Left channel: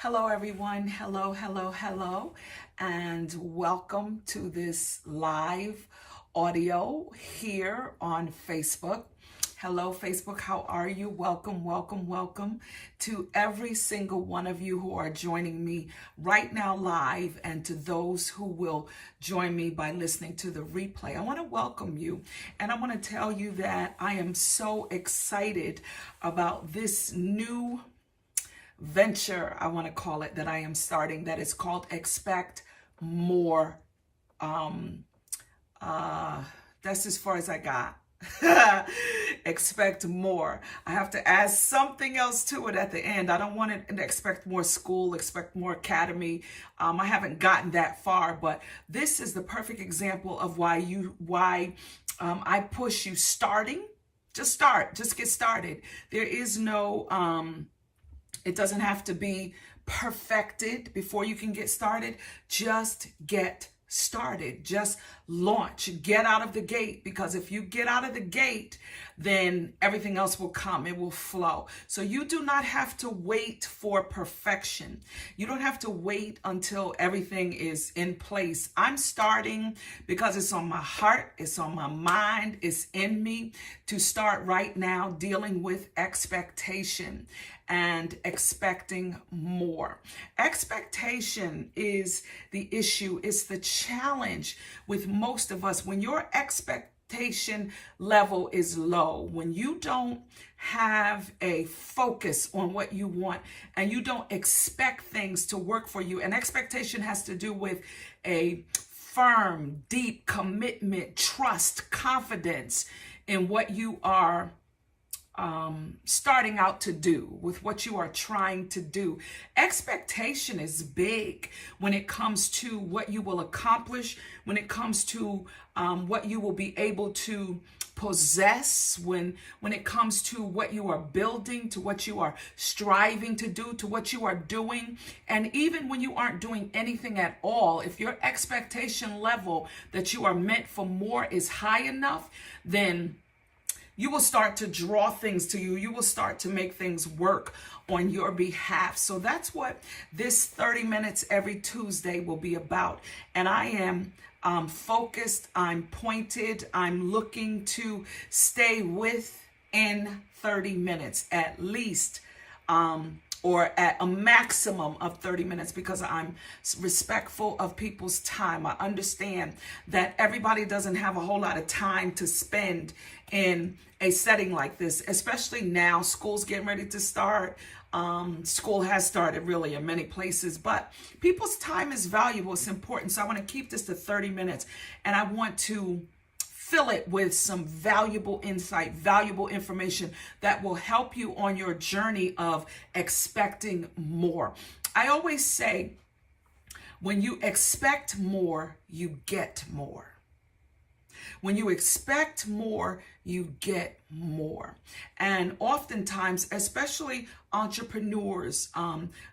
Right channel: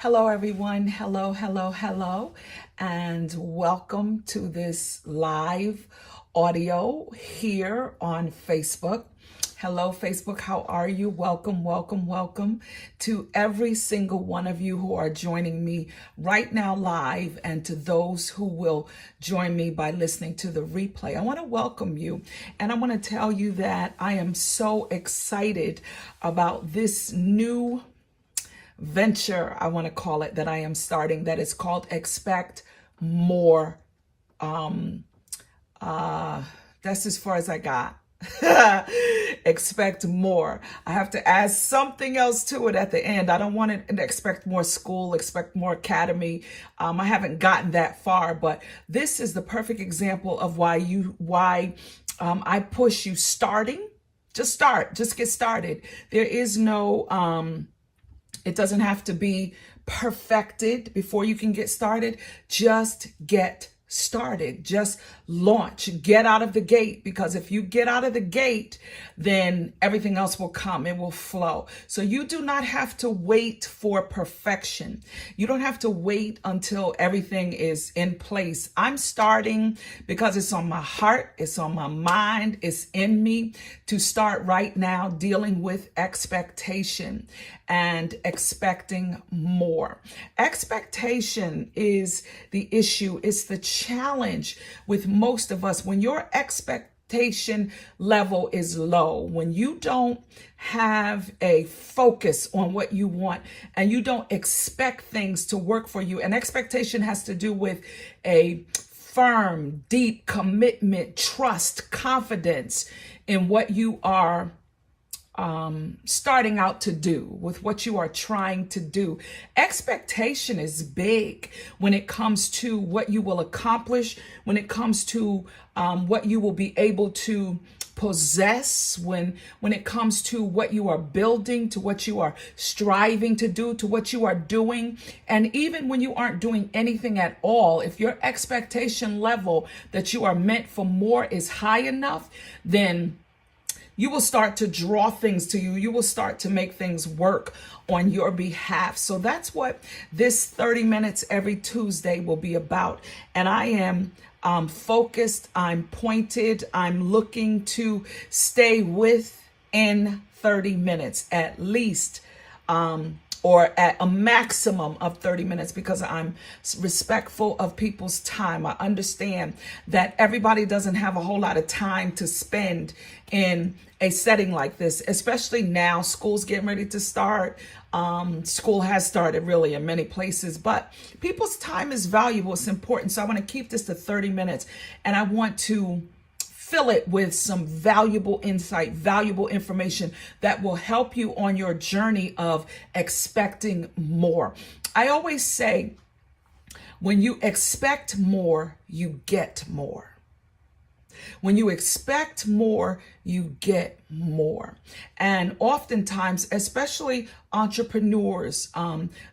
Hello, everyone. Hello, hello, hello, and welcome to this live audio here on Facebook. Hello, Facebook. How are you? Welcome, welcome, welcome to every single one of you who are joining me right now live, and to those who will join me by listening to the replay. I want to welcome you, and I want to tell you that I am so excited about this new venture, I want to call it, that I am starting, that is called Expect More. That's as far as I got. Expect more. I have to add something else to it at the end. I don't want to expect more school, expect more academy. I haven't gotten that far, but this is the perfect example of why I push you starting. Just start, just get started. There is no it doesn't have to be perfected before you can get started. Just get started. Just launch. Get out of the gate, because if you get out of the gate, then everything else will come. It will flow. So you do not have to wait for perfection. You don't have to wait until everything is in place. I'm starting because it's on my heart, it's on my mind, it's in me to start right now dealing with expectation and expecting more. Expectation is the issue. It's the challenge with most of us. When your expectation level is low, when you don't have a focus on what you want and you don't expect things to work for you, and expectation has to do with a firm, deep commitment, trust, confidence in what you are starting out to do, with what you are trying to do. Expectation is big when it comes to what you will accomplish, when it comes to what you will be able to possess, when it comes to what you are building, to what you are striving to do, to what you are doing. And even when you aren't doing anything at all, if your expectation level that you are meant for more is high enough, then you will start to draw things to you. You will start to make things work on your behalf. So that's what this 30 minutes every Tuesday will be about. And I am focused, I'm pointed, I'm looking to stay within 30 minutes at least, or at a maximum of 30 minutes, because I'm respectful of people's time. I understand that everybody doesn't have a whole lot of time to spend in a setting like this, especially now. School's getting ready to start. School has started really in many places, but people's time is valuable. It's important. So I want to keep this to 30 minutes, and I want to fill it with some valuable insight, valuable information that will help you on your journey of expecting more. I always say, when you expect more, you get more. When you expect more, you get more. And oftentimes, especially entrepreneurs,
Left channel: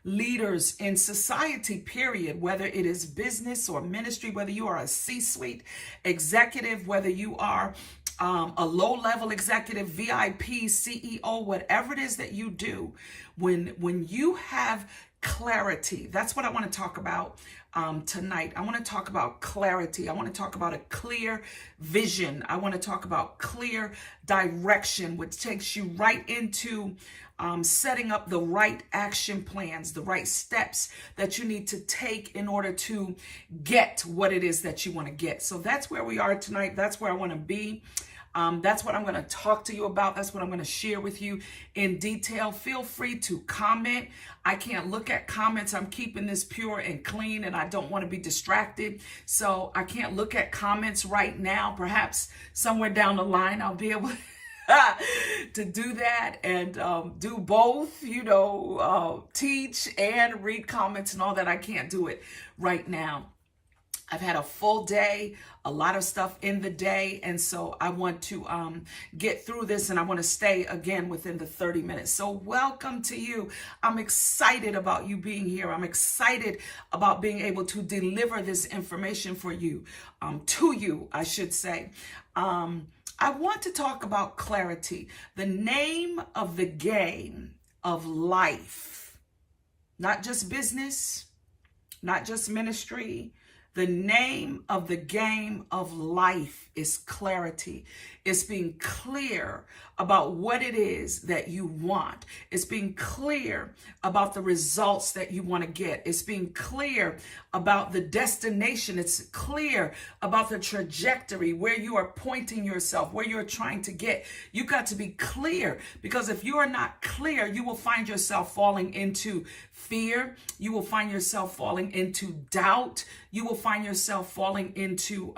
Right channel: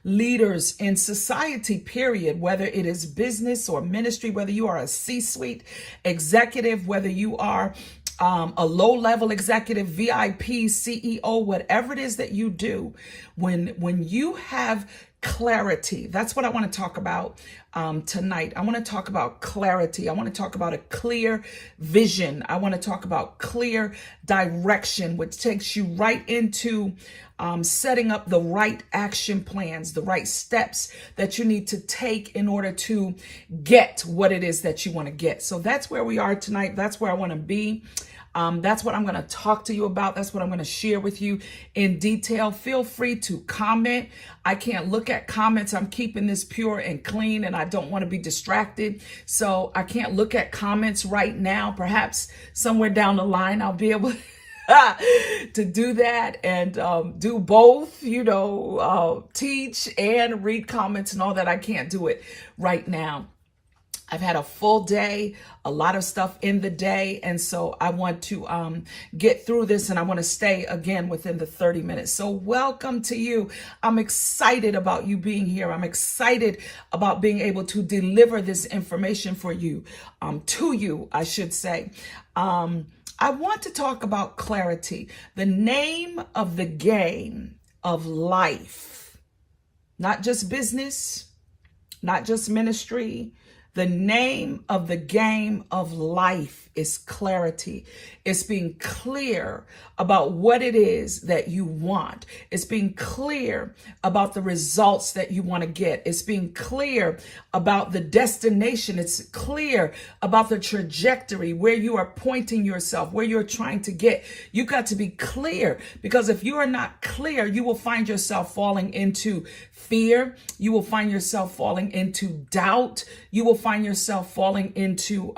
leaders in society, period, whether it is business or ministry, whether you are a C-suite executive, whether you are a low-level executive, VIP, CEO, whatever it is that you do, when you have clarity, that's what I want to talk about tonight. I want to talk about clarity. I want to talk about a clear vision. I want to talk about clear direction, which takes you right into setting up the right action plans, the right steps that you need to take in order to get what it is that you want to get. So that's where we are tonight. That's where I want to be. That's what I'm going to talk to you about. That's what I'm going to share with you in detail. Feel free to comment. I can't look at comments. I'm keeping this pure and clean, and I don't want to be distracted. So I can't look at comments right now. Perhaps somewhere down the line, I'll be able to do that and do both, teach and read comments and all that. I can't do it right now. I've had a full day, a lot of stuff in the day. And so I want to get through this, and I want to stay again within the 30 minutes. So welcome to you. I'm excited about you being here. I'm excited about being able to deliver this information for you, to you, I should say. I want to talk about clarity. The name of the game of life not just business, not just ministry. The name of the game of life is clarity. It's being clear about what it is that you want. It's being clear about the results that you want to get. It's being clear about the destination. It's clear about the trajectory, where you are pointing yourself, where you're trying to get. You got to be clear, because if you are not clear, you will find yourself falling into fear. You will find yourself falling into doubt. You will find yourself falling into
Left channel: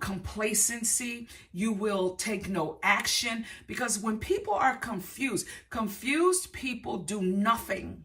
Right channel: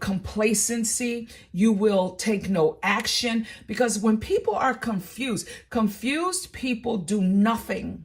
complacency. You will take no action, because when people are confused people do nothing.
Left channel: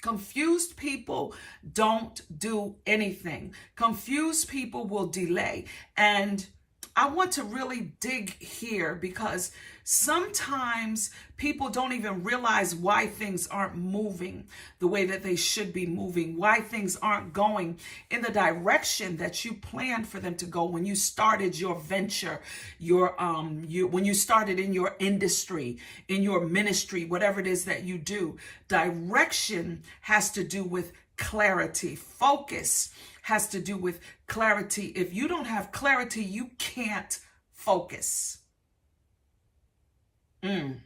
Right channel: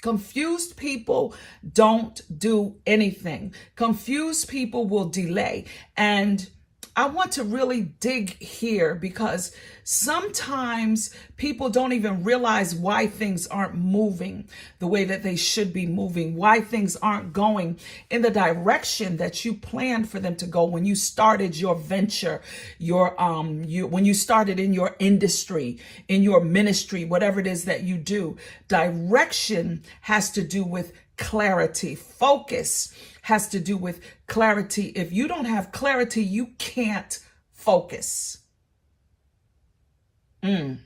Confused people don't do anything. Confused people will delay. And I want to really dig here, because sometimes people don't even realize why things aren't moving the way that they should be moving, why things aren't going in the direction that you planned for them to go when you started your venture, when you started in your industry, in your ministry, whatever it is that you do. Direction has to do with clarity. Focus has to do with clarity. If you don't have clarity, you can't focus. If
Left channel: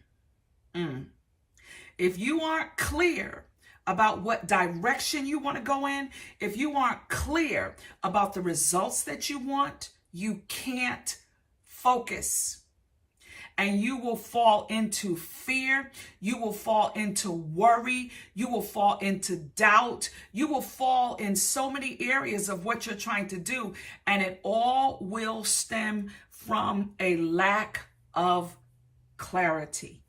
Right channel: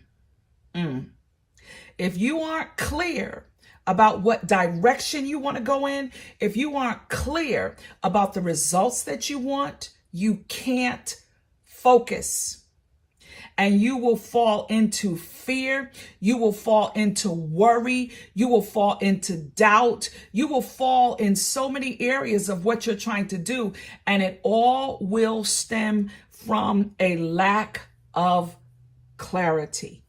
you aren't clear about what direction you want to go in, if you aren't clear about the results that you want, you can't focus. And you will fall into fear. You will fall into worry. You will fall into doubt. You will fall in so many areas of what you're trying to do. And it all will stem from a lack of clarity.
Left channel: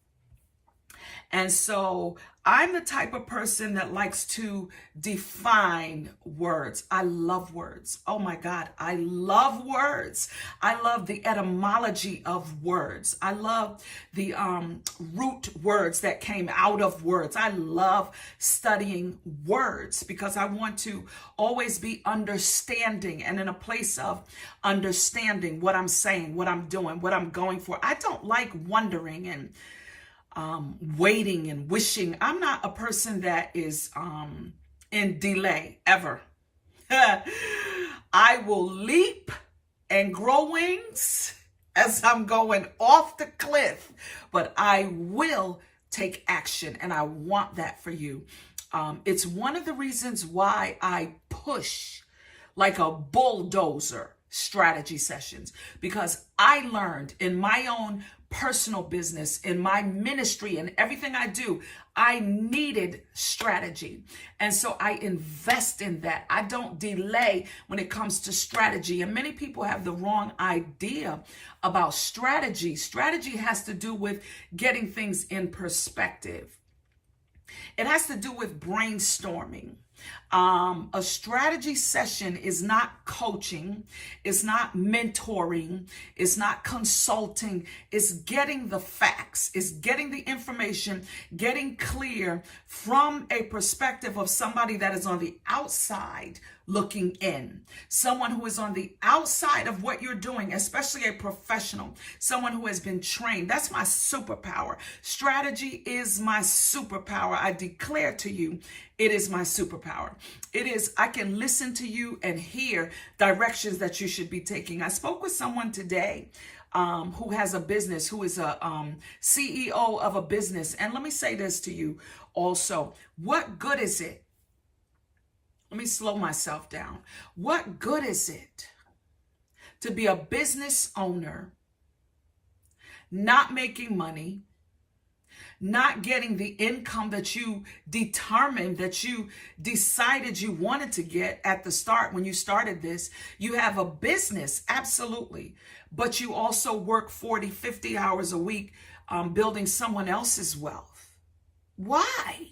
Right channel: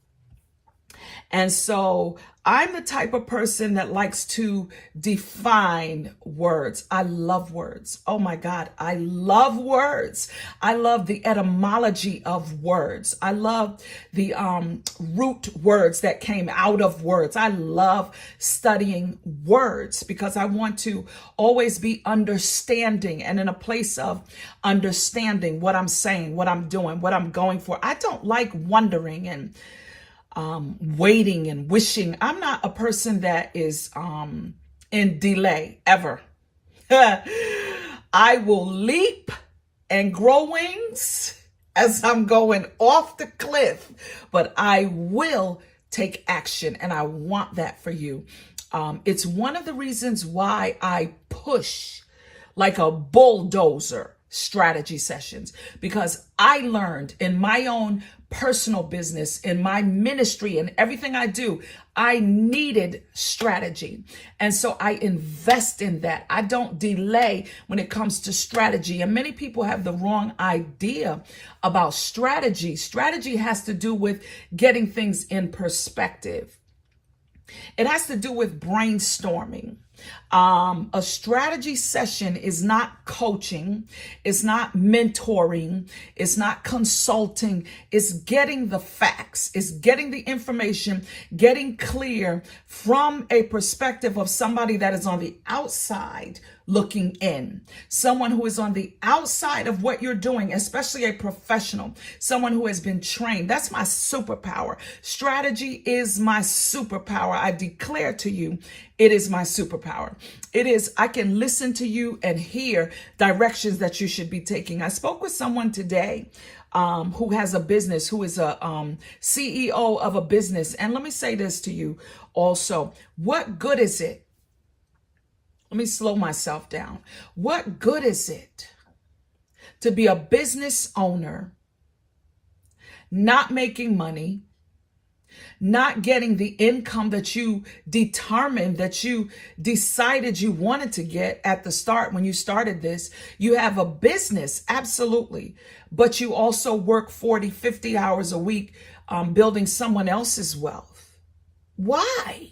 And so I'm the type of person that likes to define words. I love words. Oh my God, I love words. I love the etymology of words. I love the root words that came out of words. I love studying words, because I want to always be understanding, and in a place of understanding what I'm saying, what I'm doing, what I'm going for. I don't like wondering and waiting and wishing. I'm not a person that is in delay ever. I will leap and grow wings as I'm going off the cliff, but I will take action, and I want that for you. It's one of the reasons why I push like a bulldozer strategy sessions, because I learned in my own personal business, in my ministry, and everything I do, I needed strategy. And so I invest in that. I don't delay when it comes to strategy. And many people have the wrong idea about strategy. Strategy has to do with getting things in perspective. It has to do with brainstorming. A strategy session is not coaching, it's not mentoring, it's not consulting, it's getting the facts, it's getting the information, getting clear from a perspective of somebody that is on the outside looking in, someone who is on the outside of what you're doing, especially a professional, someone who has been trained. That's my superpower. Strategy is my superpower. I declare to you, it is my superpower. It is, I can listen to you and hear directions that you should be taking. I spoke with someone today who has a business, who is a CEO of a business. And let me say this to you also. What good is it? Let me slow myself down. What good is it to be a business owner, not making money, not getting the income that you determined, that you decided you wanted to get at the start when you started this? You have a business, absolutely, but you also work 40, 50 hours a week building someone else's wealth. Why?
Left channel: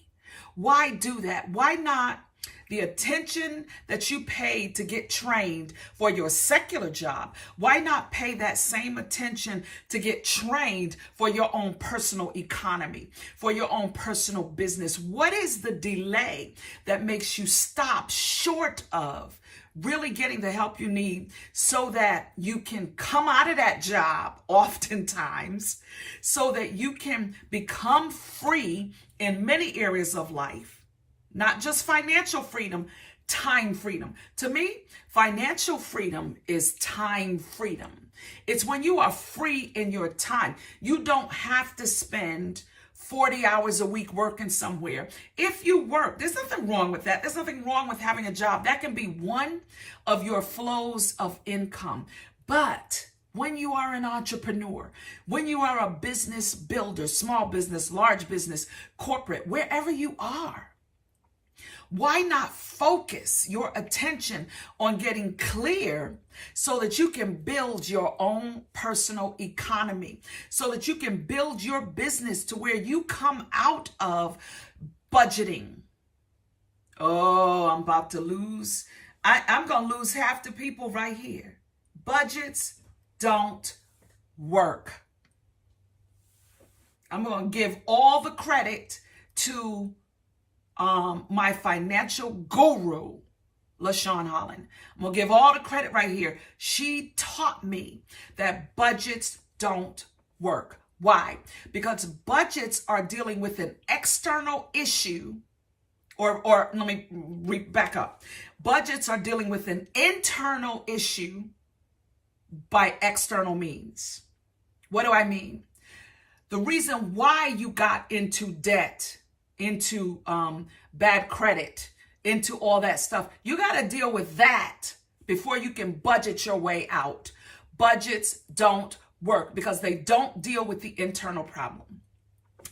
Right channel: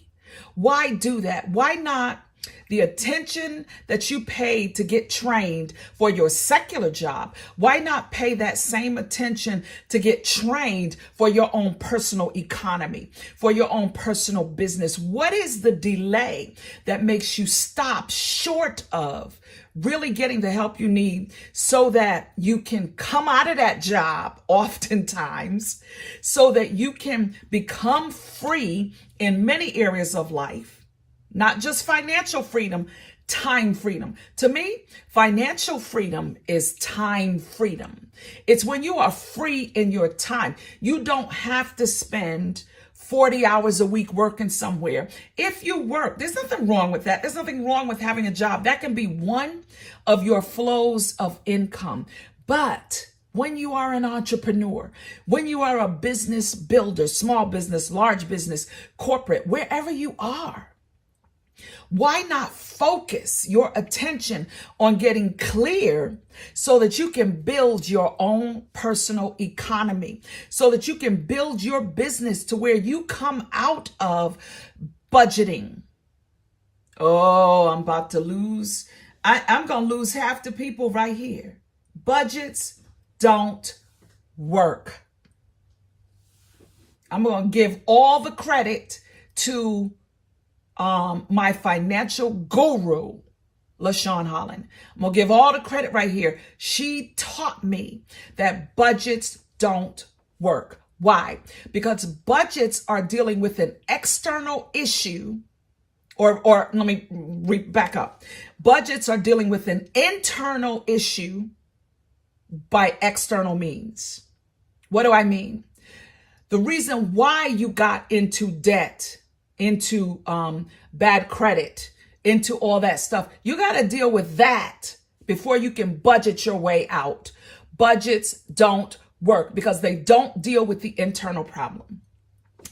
Why do that? Why not the attention that you paid to get trained for your secular job? Why not pay that same attention to get trained for your own personal economy, for your own personal business? What is the delay that makes you stop short of really getting the help you need so that you can come out of that job oftentimes, so that you can become free in many areas of life, not just financial freedom, time freedom. To me, financial freedom is time freedom. It's when you are free in your time. You don't have to spend 40 hours a week working somewhere. If you work, there's nothing wrong with that. There's nothing wrong with having a job. That can be one of your flows of income. But when you are an entrepreneur, when you are a business builder, small business, large business, corporate, wherever you are, why not focus your attention on getting clear so that you can build your own personal economy, so that you can build your business to where you come out of budgeting? Oh, I'm about to lose. I'm going to lose half the people right here. Budgets don't work. I'm going to give all the credit to my financial guru, LaShawn Holland. I'm going to give all the credit right here. She taught me that budgets don't work. Why? Because budgets are dealing with an external issue, or let me back up. Budgets are dealing with an internal issue by external means. What do I mean? The reason why you got into debt, into bad credit, into all that stuff, you got to deal with that before you can budget your way out. Budgets don't work because they don't deal with the internal problem.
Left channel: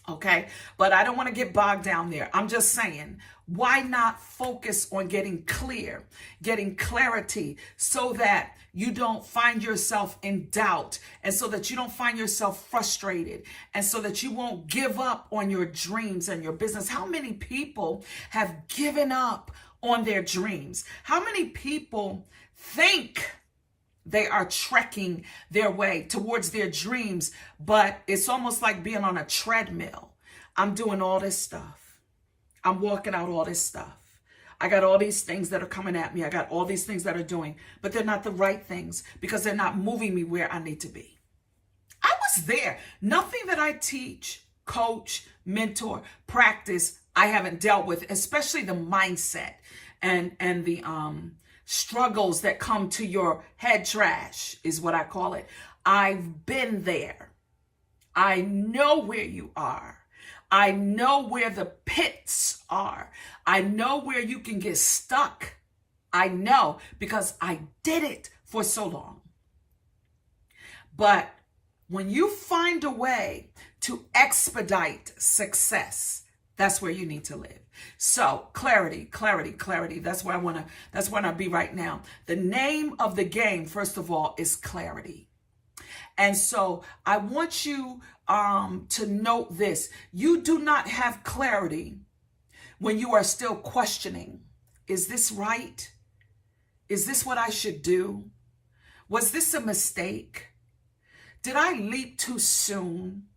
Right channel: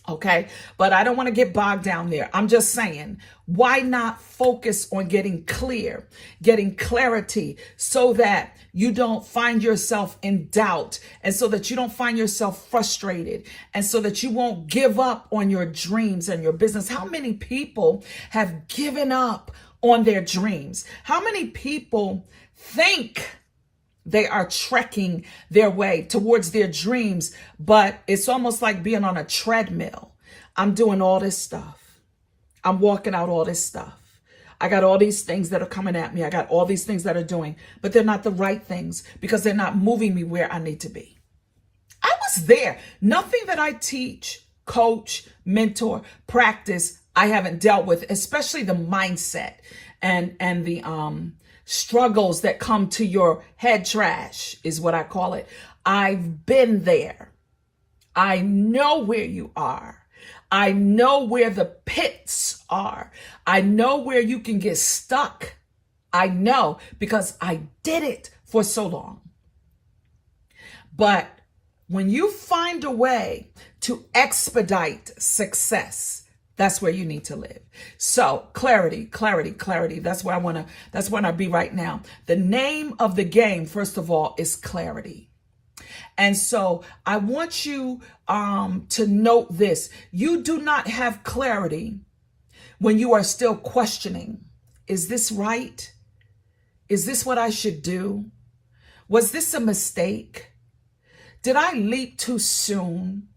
Okay, but I don't want to get bogged down there. I'm just saying, why not focus on getting clear, getting clarity, so that you don't find yourself in doubt, and so that you don't find yourself frustrated, and so that you won't give up on your dreams and your business. How many people have given up on their dreams? How many people think they are trekking their way towards their dreams, but it's almost like being on a treadmill? I'm doing all this stuff. I'm walking out all this stuff. I got all these things that are coming at me. I got all these things that are doing, but they're not the right things because they're not moving me where I need to be. I was there. Nothing that I teach, coach, mentor, practice, I haven't dealt with, especially the mindset and the struggles that come to your head trash is what I call it. I've been there. I know where you are. I know where the pits are. I know where you can get stuck. I know because I did it for so long. But when you find a way to expedite success, that's where you need to live. So clarity, clarity, clarity. That's where I be right now. The name of the game, first of all, is clarity. And so I want you to note this. You do not have clarity when you are still questioning. Is this right? Is this what I should do? Was this a mistake? Did I leap too soon?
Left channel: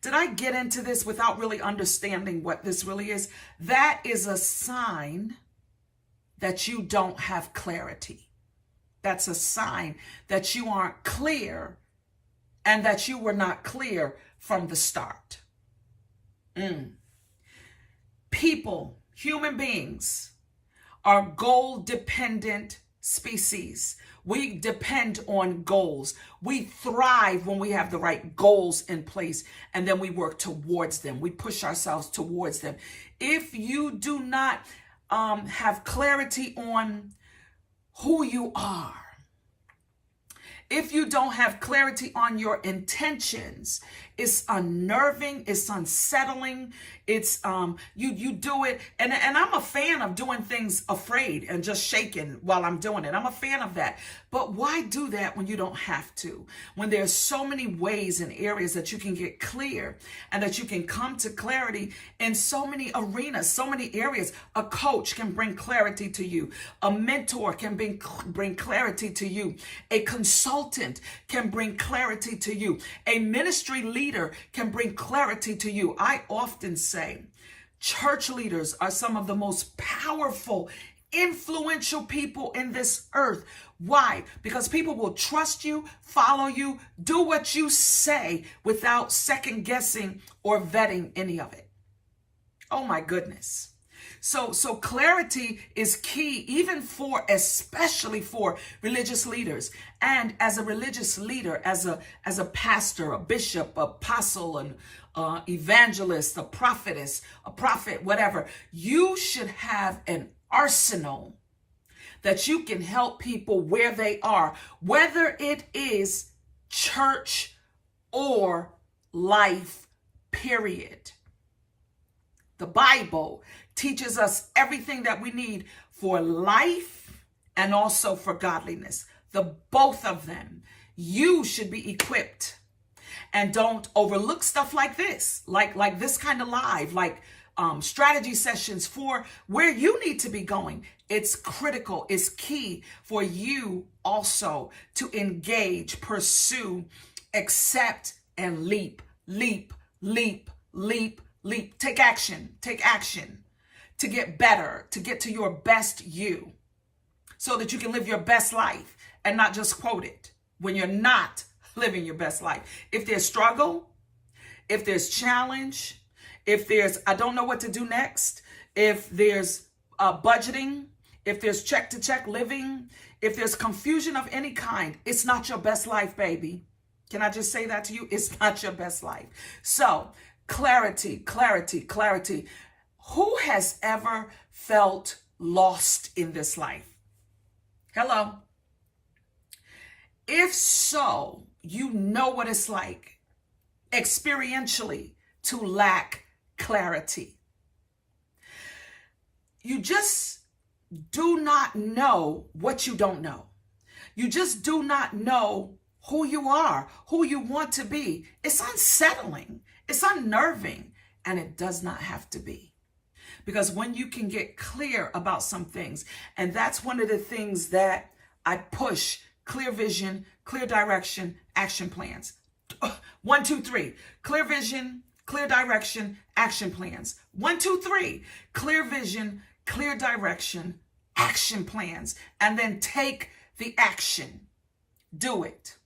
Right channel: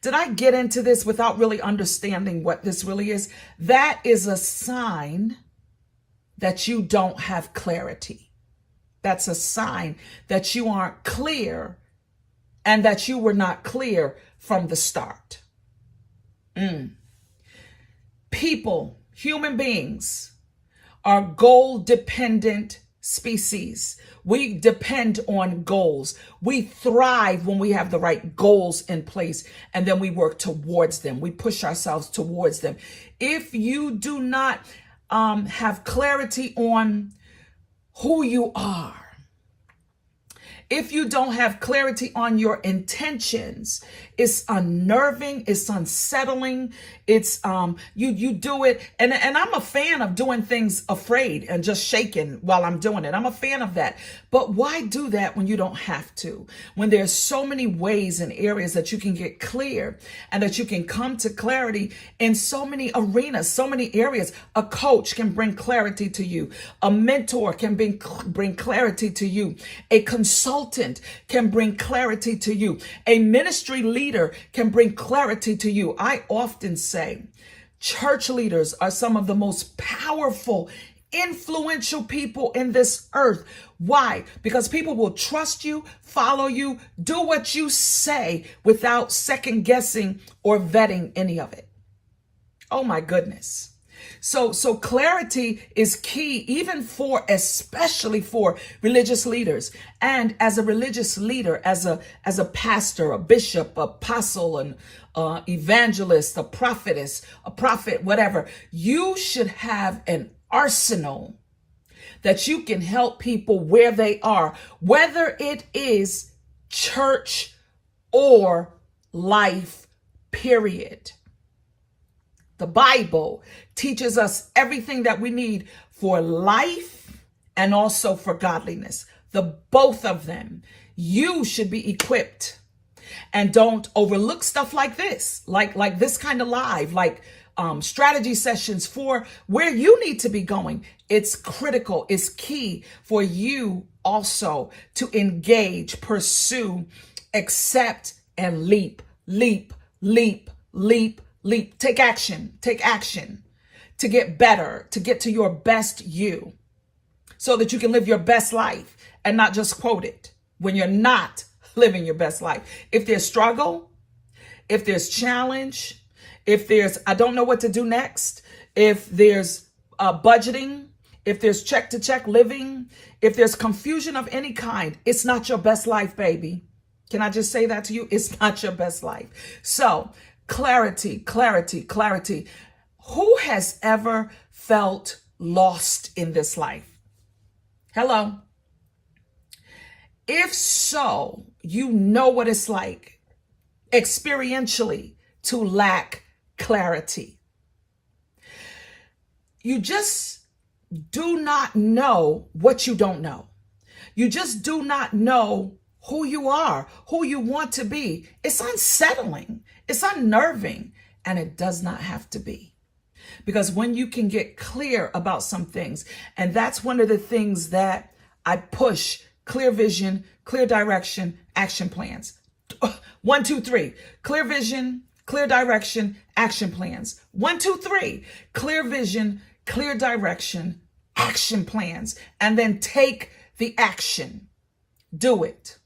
Did I get into this without really understanding what this really is? That is a sign that you don't have clarity. That's a sign that you aren't clear and that you were not clear from the start. People, human beings, are goal-dependent species. We depend on goals. We thrive when we have the right goals in place, and then we work towards them. We push ourselves towards them. If you do not have clarity on who you are, if you don't have clarity on your intentions, it's unnerving, it's unsettling, it's you do it, and I'm a fan of doing things afraid and just shaking while I'm doing it. I'm a fan of that. But why do that when you don't have to? When there's so many ways and areas that you can get clear and that you can come to clarity in so many arenas, so many areas. A coach can bring clarity to you. A mentor can bring clarity to you. A consultant can bring clarity to you. A ministry leader can bring clarity to you. I often say church leaders are some of the most powerful, influential people in this earth. Why? Because people will trust you, follow you, do what you say without second guessing or vetting any of it. Oh my goodness. So clarity is key, even especially for religious leaders. And as a religious leader, as a pastor, a bishop, apostle, an evangelist, a prophetess, a prophet, whatever, you should have an arsenal that you can help people where they are, whether it is church or life, period. The Bible teaches us everything that we need for life and also for godliness. The both of them. You should be equipped. And don't overlook stuff like this, like this kind of live, like strategy sessions for where you need to be going. It's critical. It's key for you also to engage, pursue, accept, and leap. Take action to get better, to get to your best you, so that you can live your best life and not just quote it when you're not living your best life. If there's struggle, if there's challenge, if there's, I don't know what to do next, if there's budgeting, if there's check to check living, if there's confusion of any kind, it's not your best life, baby. Can I just say that to you? It's not your best life. So clarity. Who has ever felt lost in this life? Hello. If so, you know what it's like experientially to lack clarity. You just do not know what you don't know. You just do not know who you are, who you want to be. It's unsettling. It's unnerving, and it does not have to be. Because when you can get clear about some things, and that's one of the things that I push: clear vision, clear direction, action plans. 1, 2, 3. Clear vision, clear direction, action plans. 1, 2, 3. Clear vision, clear direction, action plans. And then take the action. Do it.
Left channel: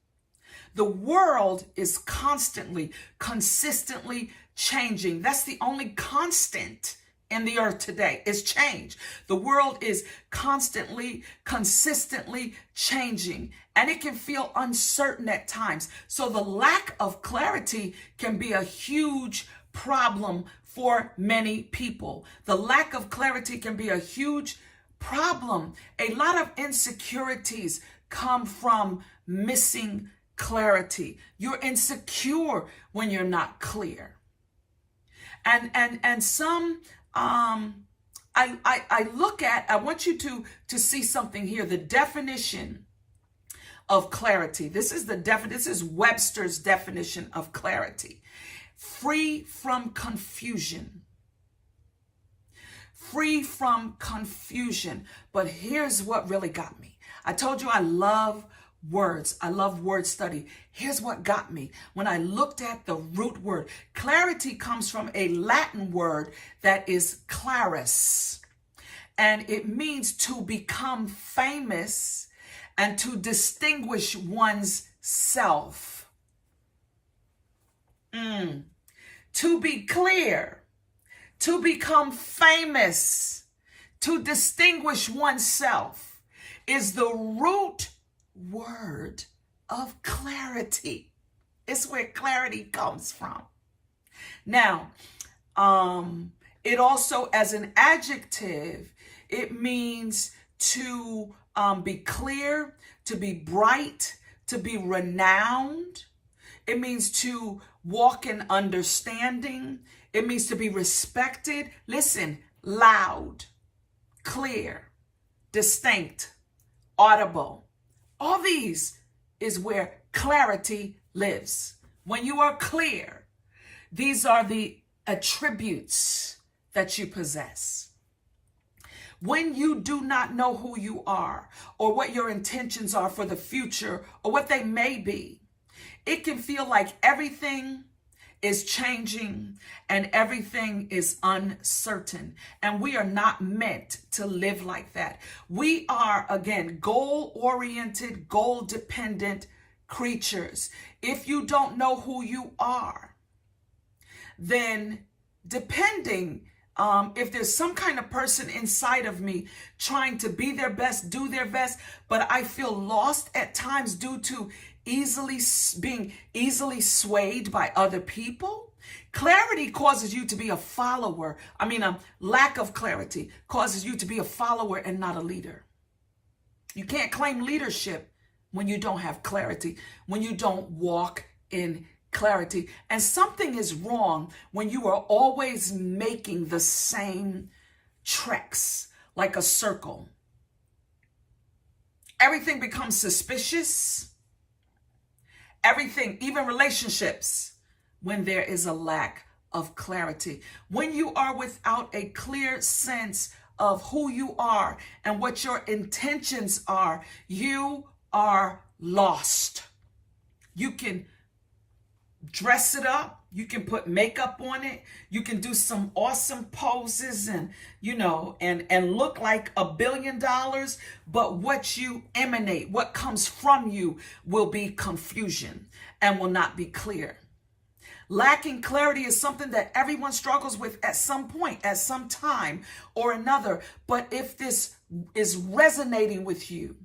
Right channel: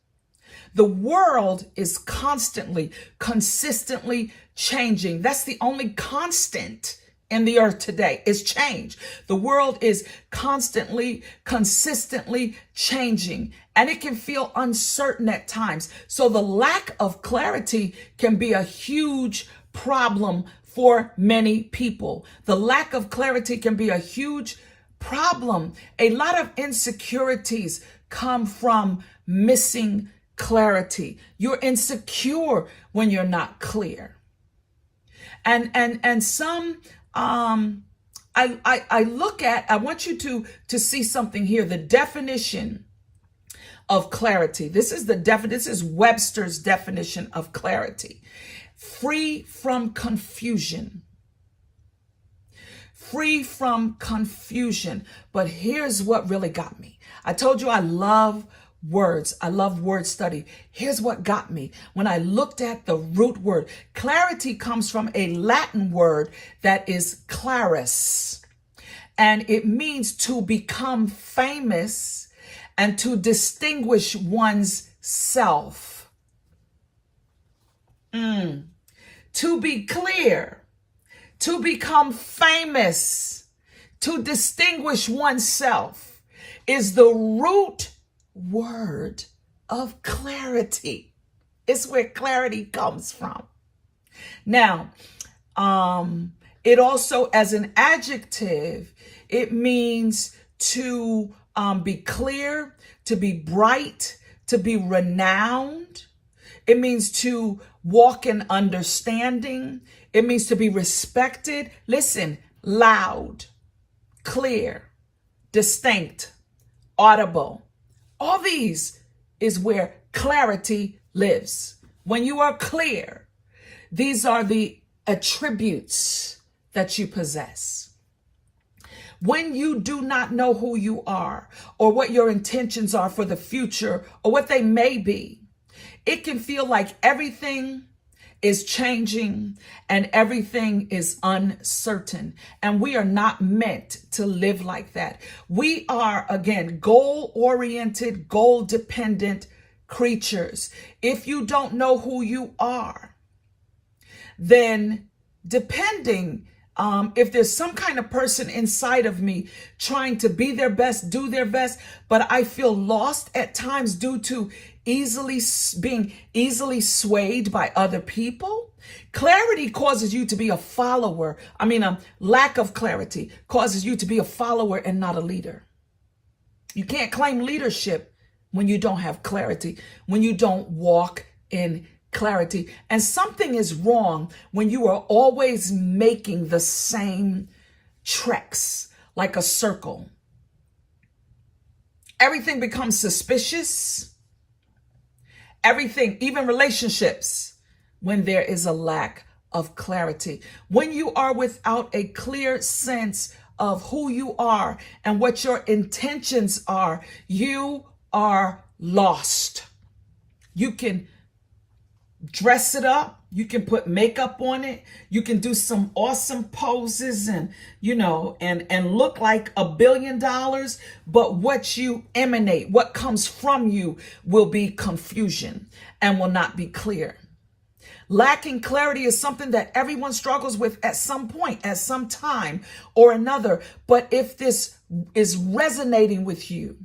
The world is constantly, consistently changing. That's the only constant in the earth today, is change. The world is constantly, consistently changing, and it can feel uncertain at times. So the lack of clarity can be a huge problem for many people. The lack of clarity can be a huge problem. A lot of insecurities come from missing clarity. You're insecure when you're not clear. And some I look at, I want you to see something here, the definition of clarity. This is Webster's definition of clarity. Free from confusion. Free from confusion. But here's what really got me. I told you I love words. I love word study. Here's what got me. When I looked at the root word, clarity comes from a Latin word that is clarus. And it means to become famous and to distinguish one's self. To be clear, to become famous, to distinguish oneself is the root word of clarity. It's where clarity comes from. Now, it also, as an adjective, it means to be clear, to be bright, to be renowned. It means to walk in understanding. It means to be respected. Listen, loud, clear, distinct, audible. All these is where clarity lives. When you are clear, these are the attributes that you possess. When you do not know who you are or what your intentions are for the future or what they may be, it can feel like everything is changing and everything is uncertain. And we are not meant to live like that. We are, again, goal-oriented, goal-dependent creatures. If you don't know who you are, then depending if there's some kind of person inside of me trying to be their best, do their best, but I feel lost at times due to being easily swayed by other people. Clarity causes you to be a follower. A lack of clarity causes you to be a follower and not a leader. You can't claim leadership when you don't have clarity, when you don't walk in clarity. And something is wrong when you are always making the same treks, like a circle. Everything becomes suspicious. Everything, even relationships, when there is a lack of clarity. When you are without a clear sense of who you are and what your intentions are, you are lost. You can dress it up. You can put makeup on it. You can do some awesome poses and look like $1 billion. But what you emanate, what comes from you, will be confusion and will not be clear. Lacking clarity is something that everyone struggles with at some point, at some time or another. But if this is resonating with you,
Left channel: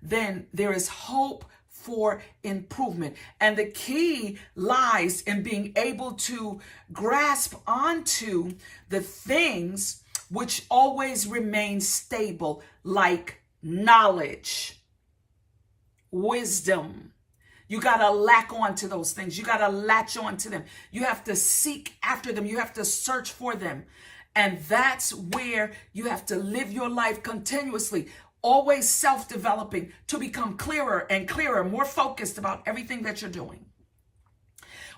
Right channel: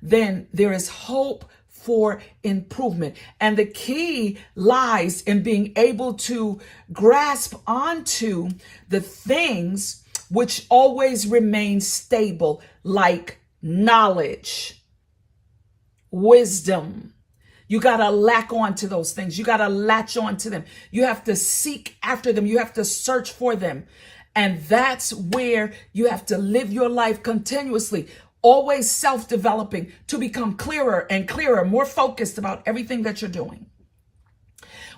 then there is hope for improvement. And the key lies in being able to grasp onto the things which always remain stable, like knowledge, wisdom. You got to lack on to those things. You got to latch on to them. You have to seek after them. You have to search for them. And that's where you have to live your life continuously, always self-developing to become clearer and clearer, more focused about everything that you're doing.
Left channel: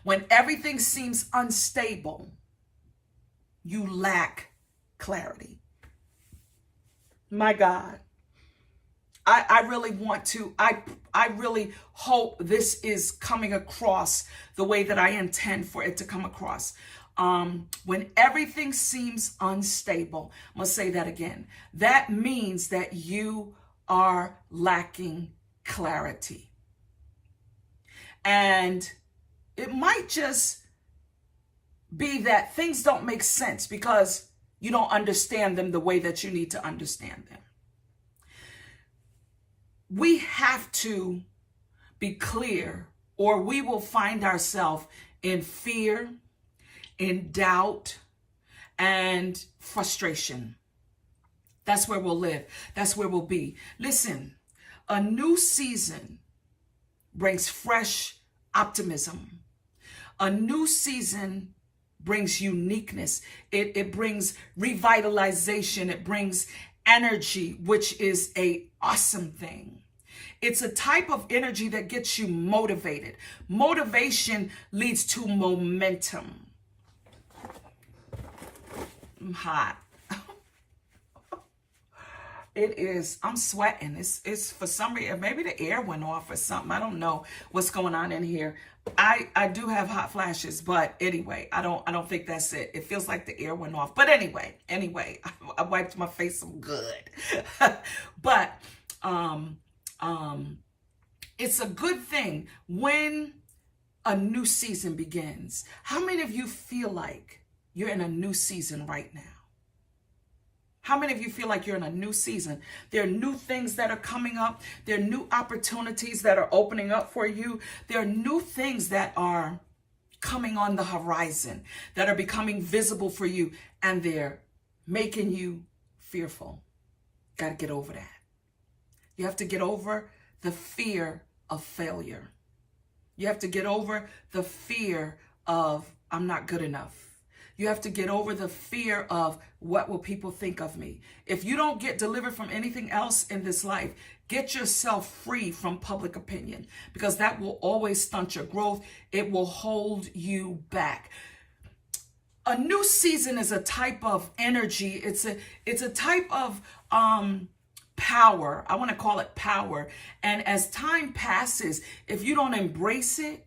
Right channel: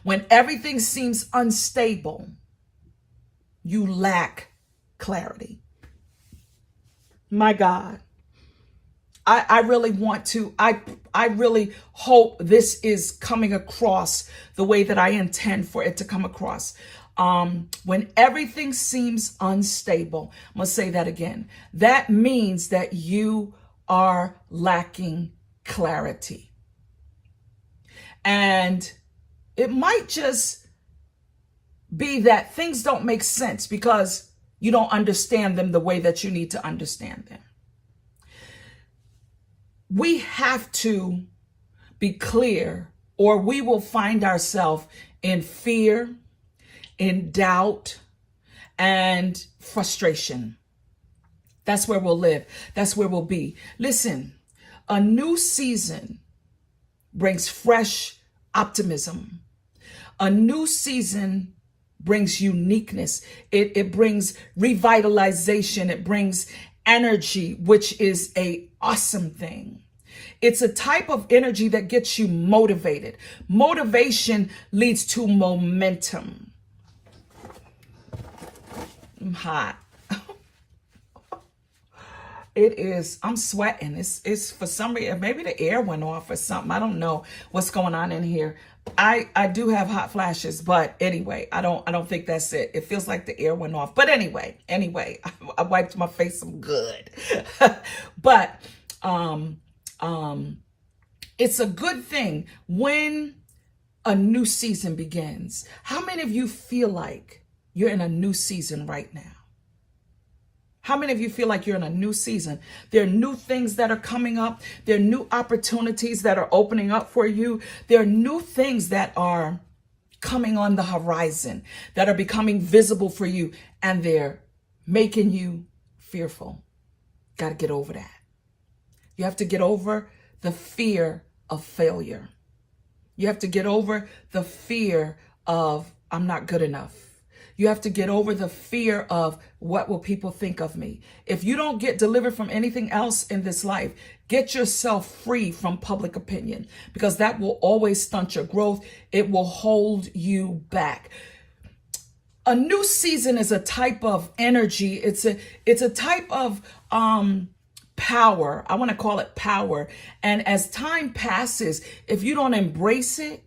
When everything seems unstable, you lack clarity. My God. I really want to, I really hope this is coming across the way that I intend for it to come across. When everything seems unstable, I'm going to say that again. That means that you are lacking clarity. And it might just be that things don't make sense because you don't understand them the way that you need to understand them. We have to be clear, or we will find ourselves in fear, in doubt, and frustration. That's where we'll live. That's where we'll be. Listen, a new season brings fresh optimism. A new season brings uniqueness. It brings revitalization. It brings energy, which is an awesome thing. It's a type of energy that gets you motivated. Motivation leads to momentum. I'm hot. It is. I'm sweating. It's for some reason, maybe the air went off or something. I don't know what's going on in here. I do have hot flashes, but anyway, I don't think that's it. It feels like the air went off. But anyway, I wiped my face some good. But it's a good thing when a new season begins. How many of you feel like you're in a new season right now? How many of you feel like you're in a new season? There are new things that are coming up. There are new opportunities that are opening up for you. There are new things that are coming on the horizon, that are becoming visible for you, and they're making you fearful. Got to get over that. You have to get over the fear of failure. You have to get over the fear of I'm not good enough. You have to get over the fear of what will people think of me. If you don't get delivered from anything else in this life, get yourself free from public opinion, because that will always stunt your growth. It will hold you back. A new season is a type of energy. It's a type of power. I want to call it power. And as time passes, if you don't embrace it,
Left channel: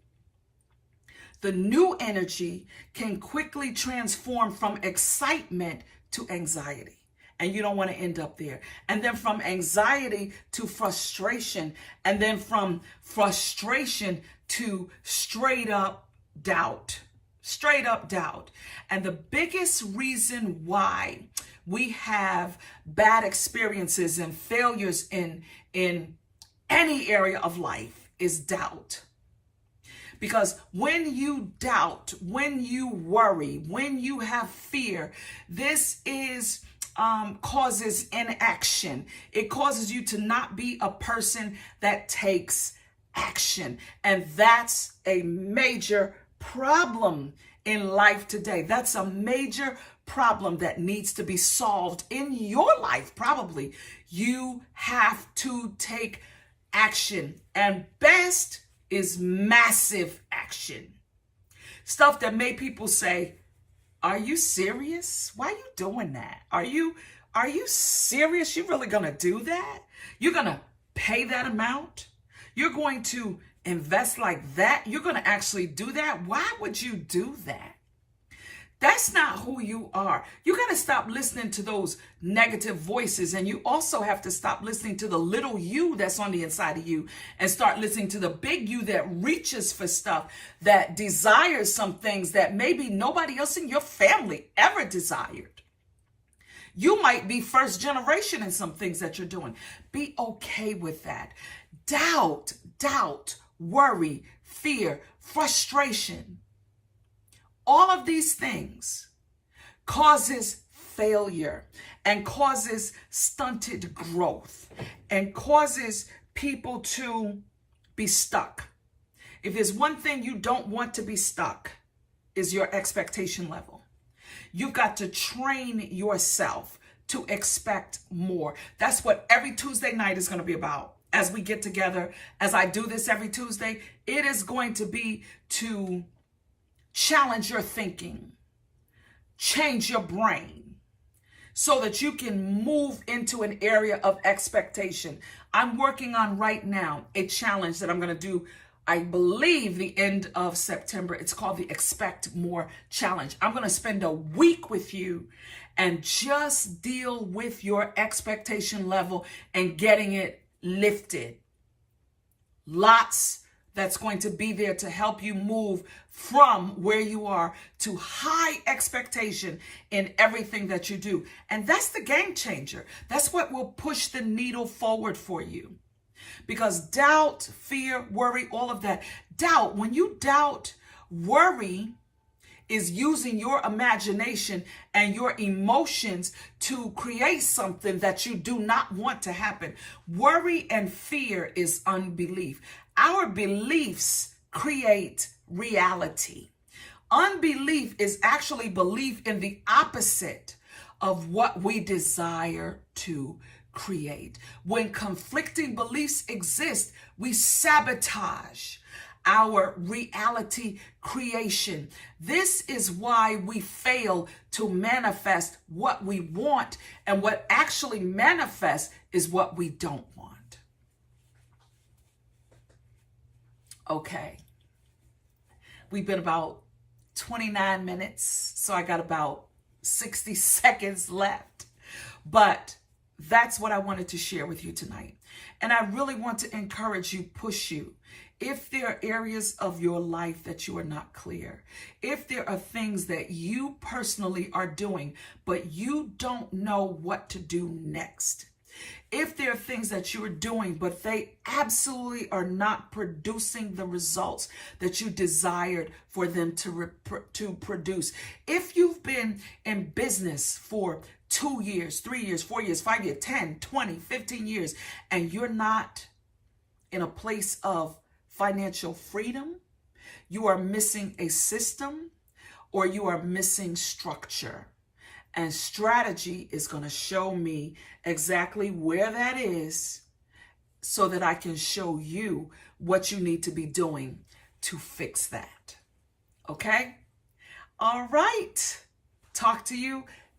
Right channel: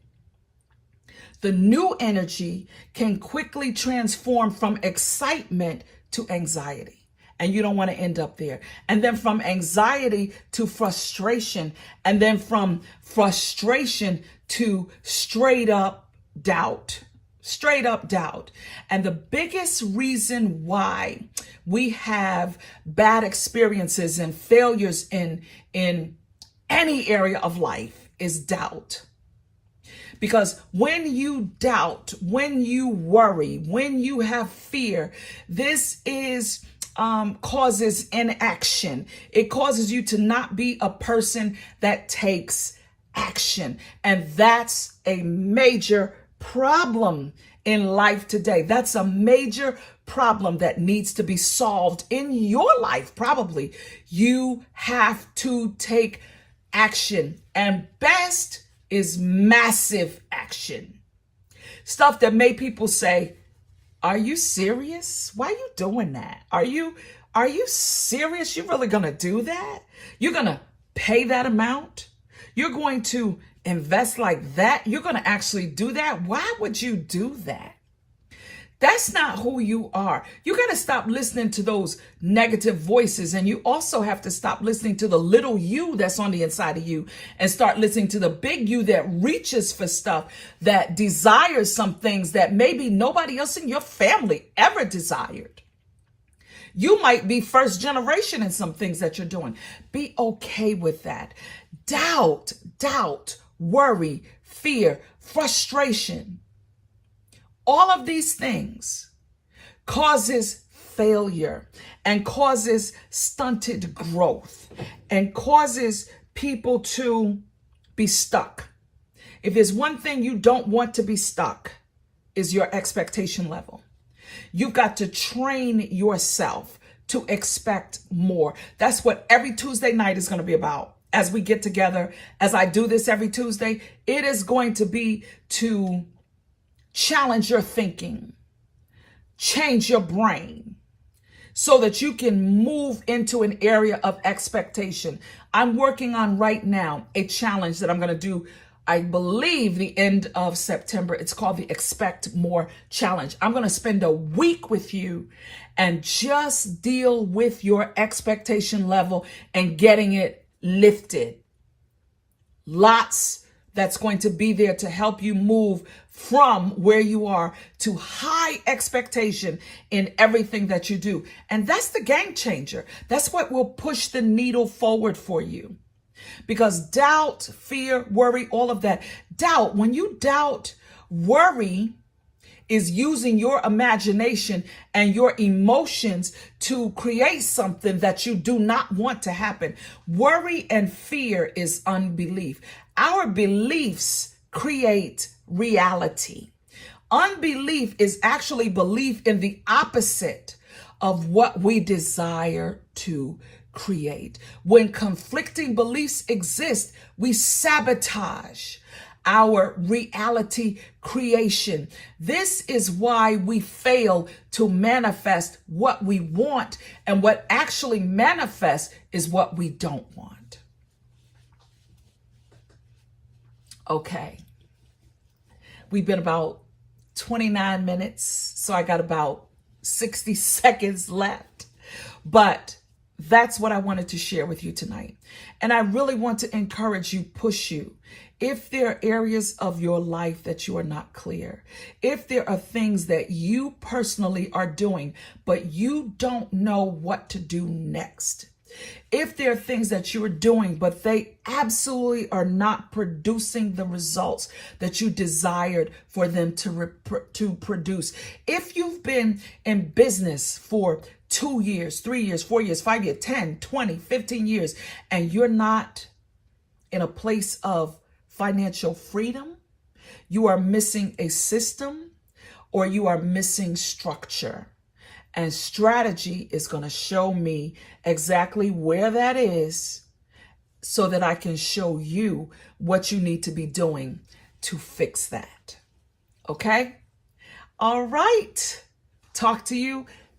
the new energy can quickly transform from excitement to anxiety. And you don't want to end up there. And then from anxiety to frustration. And then from frustration to straight up doubt. Straight up doubt. And the biggest reason why we have bad experiences and failures in any area of life is doubt. Because when you doubt, when you worry, when you have fear, this is causes inaction. It causes you to not be a person that takes action. And that's a major problem in life today. That's a major problem that needs to be solved in your life. Probably you have to take action, and best is massive action. Stuff that made people say, are you serious? Why are you doing that? Are you serious? You really gonna do that? You're gonna pay that amount? You're going to invest like that? You're gonna actually do that? Why would you do that? That's not who you are. You got to stop listening to those negative voices. And you also have to stop listening to the little you that's on the inside of you and start listening to the big you that reaches for stuff, that desires some things that maybe nobody else in your family ever desired. You might be first generation in some things that you're doing. Be okay with that. Doubt, worry, fear, frustration. All of these things causes failure and causes stunted growth and causes people to be stuck. If there's one thing you don't want to be stuck, is your expectation level. You've got to train yourself to expect more. That's what every Tuesday night is going to be about. As we get together, as I do this every Tuesday, it is going to be to challenge your thinking, change your brain so that you can move into an area of expectation. I'm working on right now a challenge that I'm going to do, I believe, the end of September. It's called the Expect More Challenge. I'm going to spend a week with you and just deal with your expectation level and getting it lifted. Lots that's going to be there to help you move from where you are to high expectation in everything that you do. And that's the game changer. That's what will push the needle forward for you. Because doubt, fear, worry, all of that. Doubt, when you doubt, worry is using your imagination and your emotions to create something that you do not want to happen. Worry and fear is unbelief. Our beliefs create reality. Unbelief is actually belief in the opposite of what we desire to create. When conflicting beliefs exist, we sabotage our reality creation. This is why we fail to manifest what we want, and what actually manifests is what we don't want. Okay. We've been about 29 minutes, so I got about 60 seconds left. But that's what I wanted to share with you tonight. And I really want to encourage you, push you. If there are areas of your life that you are not clear, if there are things that you personally are doing, but you don't know what to do next, if there are things that you're doing, but they absolutely are not producing the results that you desired for them to produce. If you've been in business for 2 years, 3 years, 4 years, 5 years, 10, 20, 15 years, and you're not in a place of financial freedom, you are missing a system or you are missing structure. And strategy is going to show me exactly where that is so that I can show you what you need to be doing to fix that. Okay? All right. Talk to you